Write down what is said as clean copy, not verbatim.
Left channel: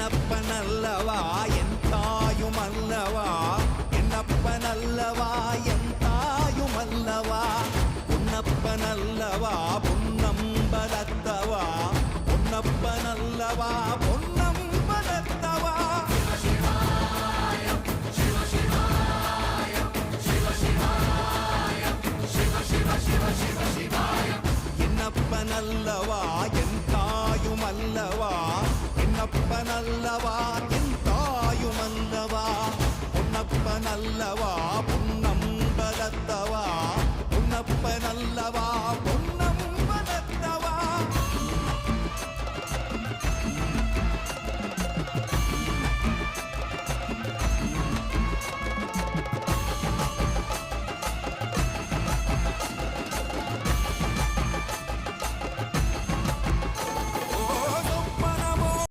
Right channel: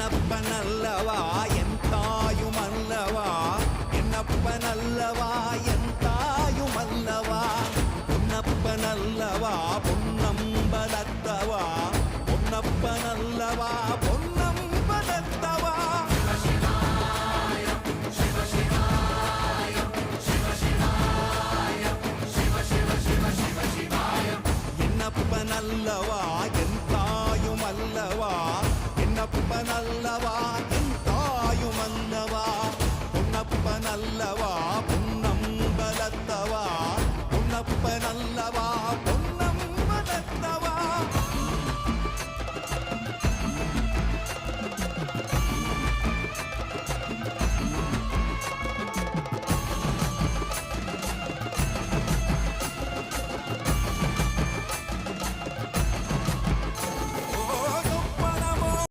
என்னப்பனல்லவா என் தாயுமல்லவா, என்னப்பனல்லவா என் தாயுமல்லவா, பொன்னப்பனல்லவா பொன்னம்பலத்தவா, பொன்னப்பனல்லவா பொன்னம்பலத்தவா. என்னப்பனல்லவா என் தாயுமல்லவா, என்னப்பனல்லவா என் தாயுமல்லவா, பொன்னப்பனல்லவா பொன்னம்பலத்தவா, பொன்னப்பனல்லவா பொன்னம்பலத்தவா.